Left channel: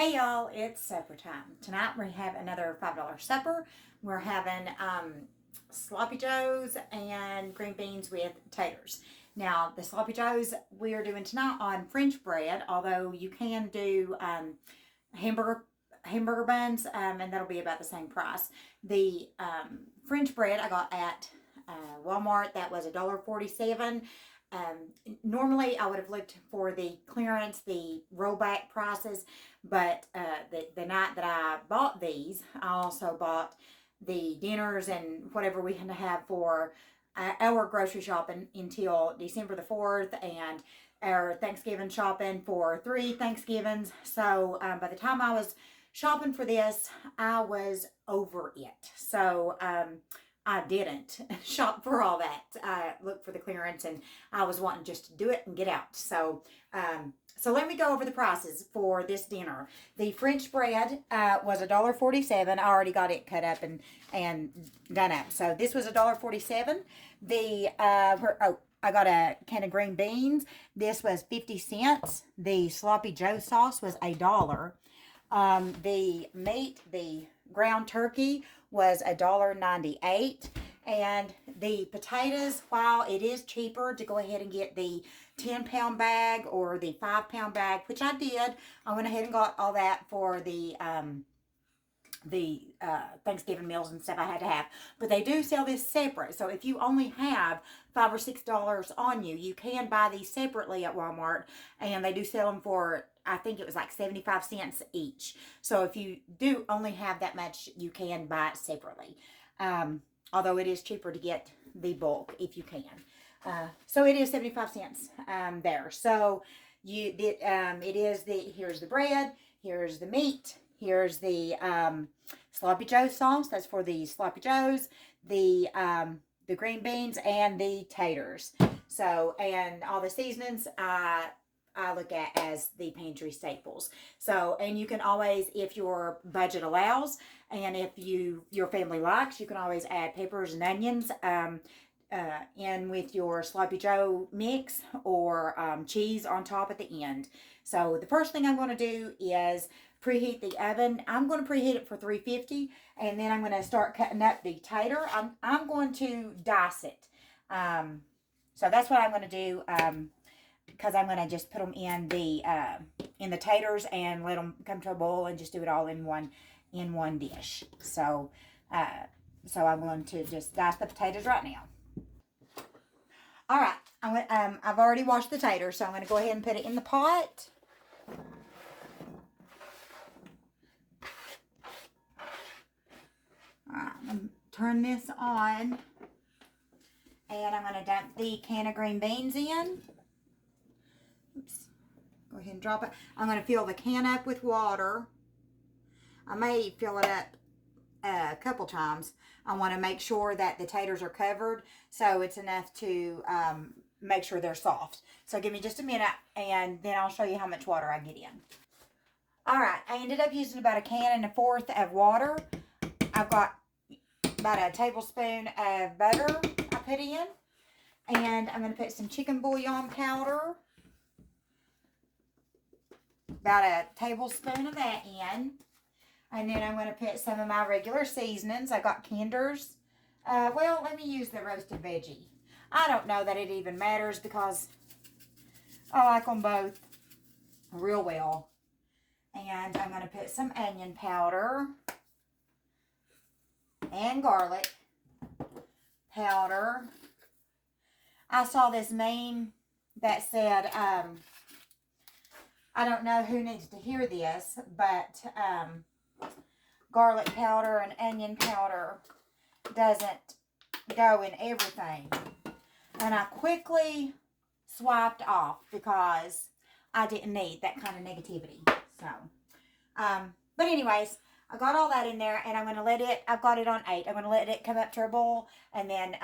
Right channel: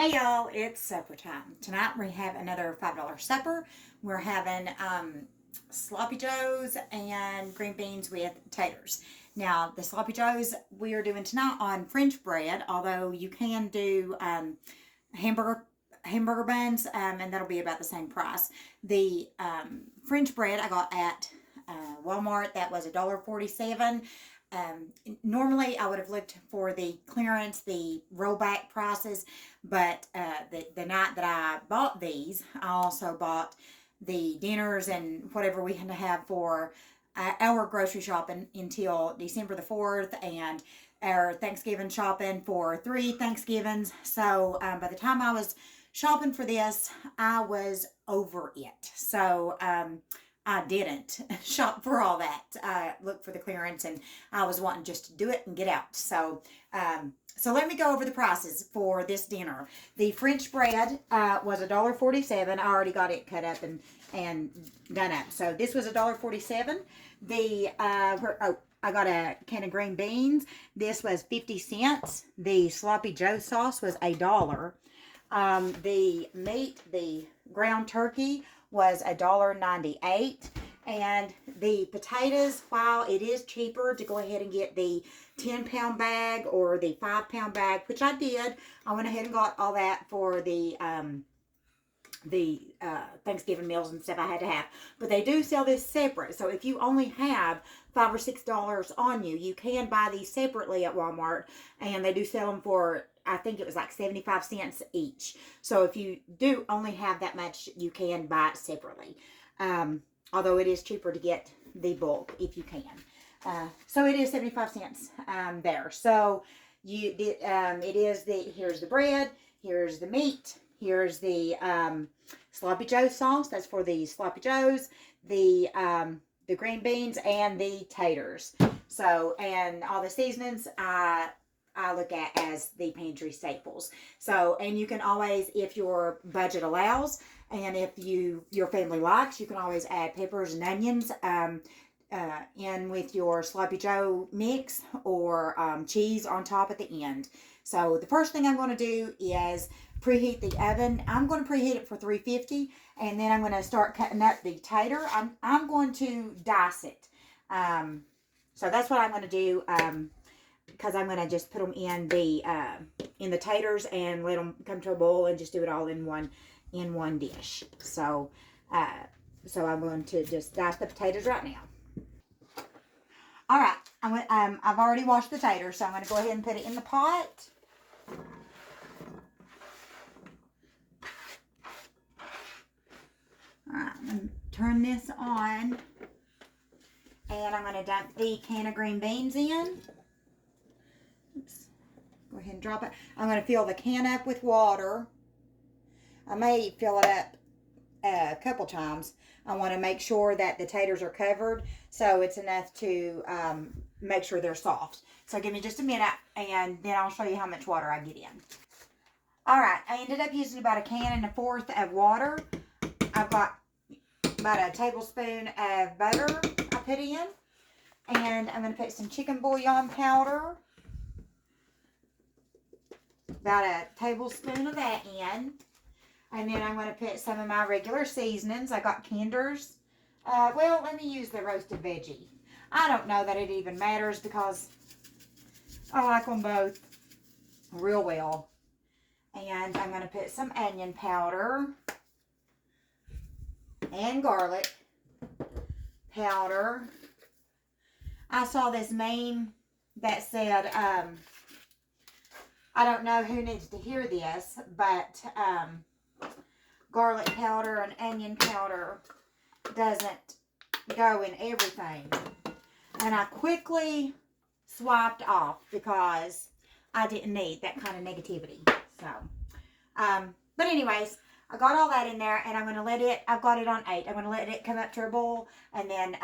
Hey y'all, it's supper time. Tonight we have another $5 supper. We're having sloppy joes and green beans with taters. Now, the sloppy joes we are doing tonight on French bread, although you can do hamburger hamburger buns, and that'll be about the same price. The French bread I got at Walmart, that was $1.47. Normally I would have looked for the clearance, the rollback prices, but the night that I bought these, I also bought the dinners and whatever we had to have for our grocery shopping until December the 4th, and our Thanksgiving shopping for 3 Thanksgivings. So by the time I was shopping for this, I was over it. So I didn't shop for all that. I looked for the clearance, and I was wanting just to do it and get out. So let me go over the prices for this dinner. The French bread was $1.47. I already got it cut up and done up. So this was $1.47. I got a can of green beans. This was 50 cents. The sloppy Joe sauce was $1. The meat, the ground turkey, was $1.98. And the potatoes, while it is cheaper to go ahead and get the 10-pound bag or the 5-pound bag, which I did, I went ahead and got all that for the Thanksgiving meals and stuff I had to have. But they do sell this separate. So if you only have $5 or $6 on you, you can buy these separately at Walmart. And they do sell them for, I think it was like 75 cents each. So if you do only have that much, you can buy it separately. Although it is cheaper to get the bulk if you can. So it is 75 cents there. So it is here's the bread, here's the meat, here's the sloppy joe sauce. That's for the sloppy joes, the green beans, and the taters. So, and all the seasonings I look at as the pantry staples. So, and you can always, if your budget allows, and if your family likes, you can always add peppers and onions in with your sloppy joe mix, or cheese on top at the end. So the first thing I'm going to do is preheat the oven. I'm going to preheat it for 350, and then I'm going to start cutting up the tater. I'm going to dice it. So that's what I'm going to do, because I'm going to just put them in the taters and let them come to a boil and just do it all in one dish. So I'm going to just dice the potatoes right now. All right, I've already washed the taters, so I'm going to go ahead and put it in the pot. All right, I'm going to turn this on, and I'm going to dump the can of green beans in. Oops. Go ahead and drop it. I'm going to fill the can up with water. I may fill it up a couple times. I want to make sure that the taters are covered, so it's enough to make sure they're soft. So give me just a minute, and then I'll show you how much water I get in. All right, I ended up using about 1.25 cans of water. I've got about a tablespoon of butter I put in, and I'm going to put some chicken bouillon powder, about a tablespoon of that in. And then I'm going to put some of my regular seasonings. I got Kinder's. Well, let me use the roasted veggie. I don't know that it even matters, because I like them both real well. And I'm going to put some onion powder and garlic powder. I saw this meme that said, I don't know who needs to hear this, but garlic powder and onion powder doesn't go in everything. And I quickly swiped off because I didn't need that kind of negativity. So, but anyways, I got all that in there, and I'm going to let it, I've got it on 8. I'm going to let it come up to a boil, and then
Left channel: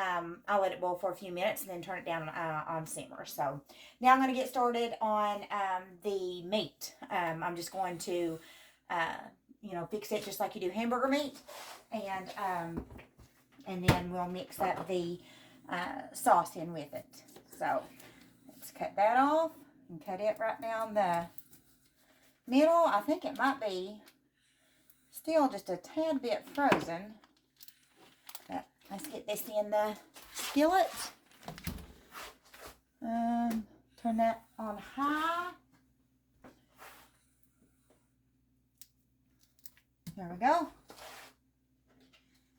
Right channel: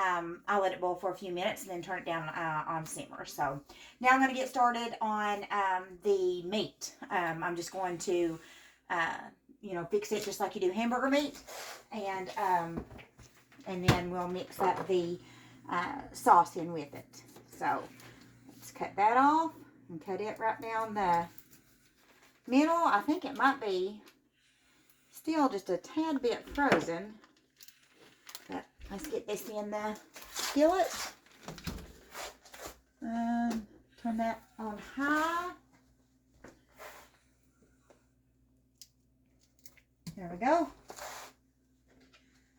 I'll let it boil for a few minutes and then turn it down on simmer. So now I'm going to get started on the meat. I'm just going to fix it just like you do hamburger meat, and then we'll mix up the sauce in with it. So let's cut that off and cut it right down the middle, I think it might be still just a tad bit frozen. But let's get this in the skillet. Turn that on high. There we go.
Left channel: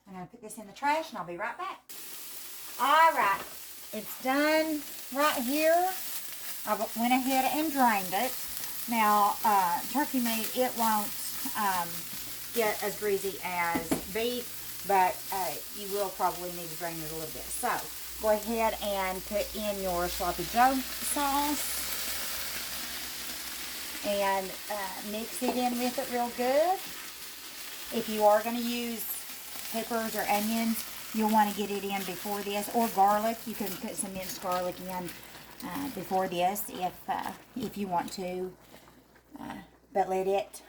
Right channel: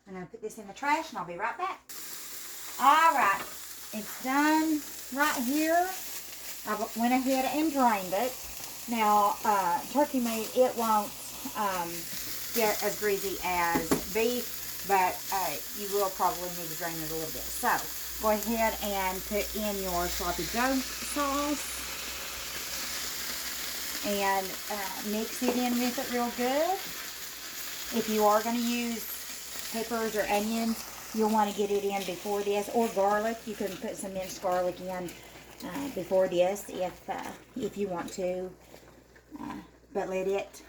I'm going to put this in the trash and I'll be right back. Alright, it's done right here. I went ahead and drained it. Now, turkey meat, it won't get as greasy as beef, but you will probably need to drain it a little bit. So, go ahead and put in your sloppy joe sauce and mix it in with it real good. If you are going to use peppers or onions, you'll want to get it in before this, or garlic. You can put some minced garlic in before this if you want to. But let it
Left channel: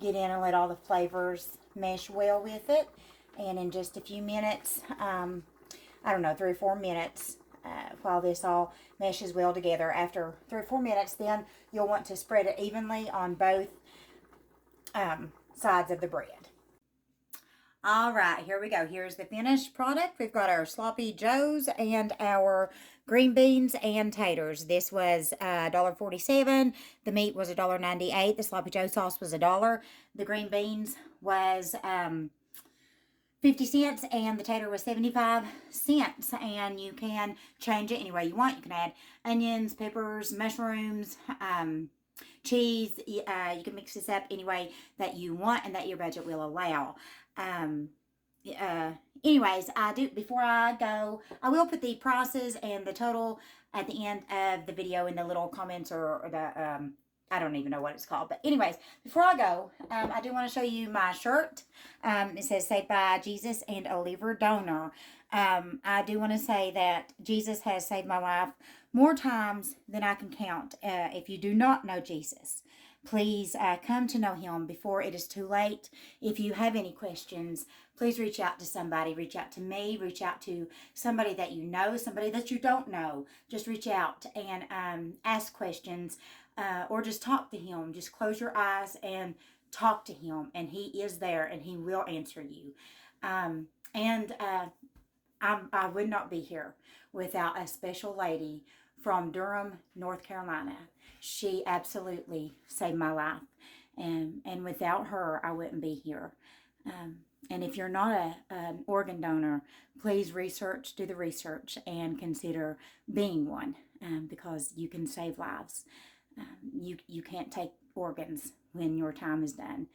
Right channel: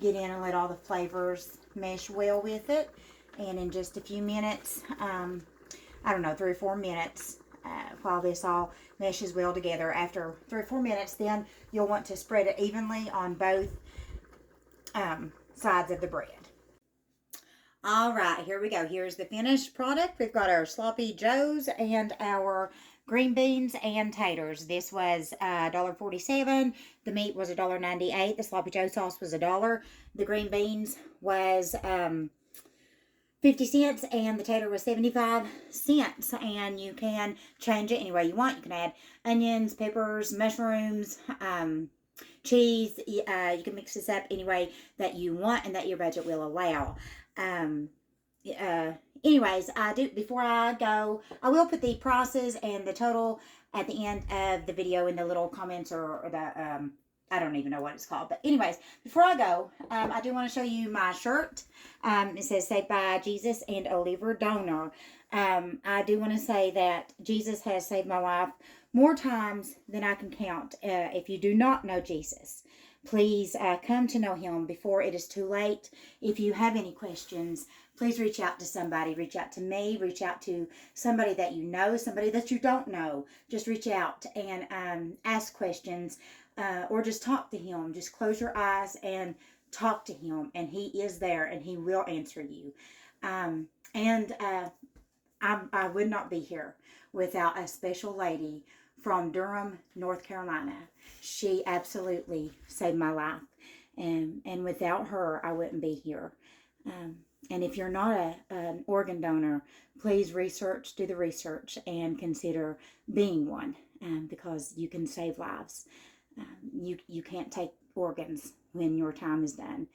get in and let all the flavors mesh well with it. And in just a few minutes, I don't know, 3 or 4 minutes, while this all meshes well together. After 3 or 4 minutes, then you'll want to spread it evenly on both sides of the bread. All right, here we go. Here's the finished product. We've got our sloppy joes and our green beans and taters. This was $1.47. The meat was $1.98. The sloppy joe sauce was $1. The green beans was 50 cents, and the tater was 75 cents. And you can change it any way you want. You can add onions, peppers, mushrooms, cheese. You can mix this up any way that you want and that your budget will allow. Anyways, before I go, I will put the prices and the total at the end of the video in the little comments or the, I don't even know what it's called. But anyways, before I go, I do want to show you my shirt. It says Saved by Jesus and a Liver Donor. I do want to say that Jesus has saved my life more times than I can count. If you do not know Jesus, please come to know him before it is too late. If you have any questions, please reach out to somebody. Reach out to me. Reach out to somebody that you know, somebody that you don't know. Just reach out and ask questions or just talk to him. Just close your eyes and talk to him, and he is there and he will answer you. I would not be here without a special lady from Durham, North Carolina. She absolutely saved my life. And without her, I wouldn't be here. And if you're not an organ donor, please do the research and consider being one, because you can save lives. You can't take organs when your time is done.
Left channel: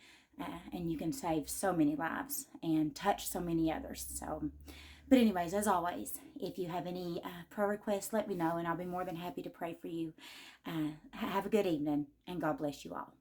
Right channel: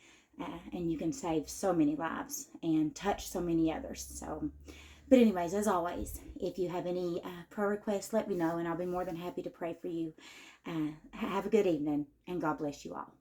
And you can save so many lives and touch so many others. But anyways, as always, if you have any prayer requests, let me know, and I'll be more than happy to pray for you. Have a good evening, and God bless you all.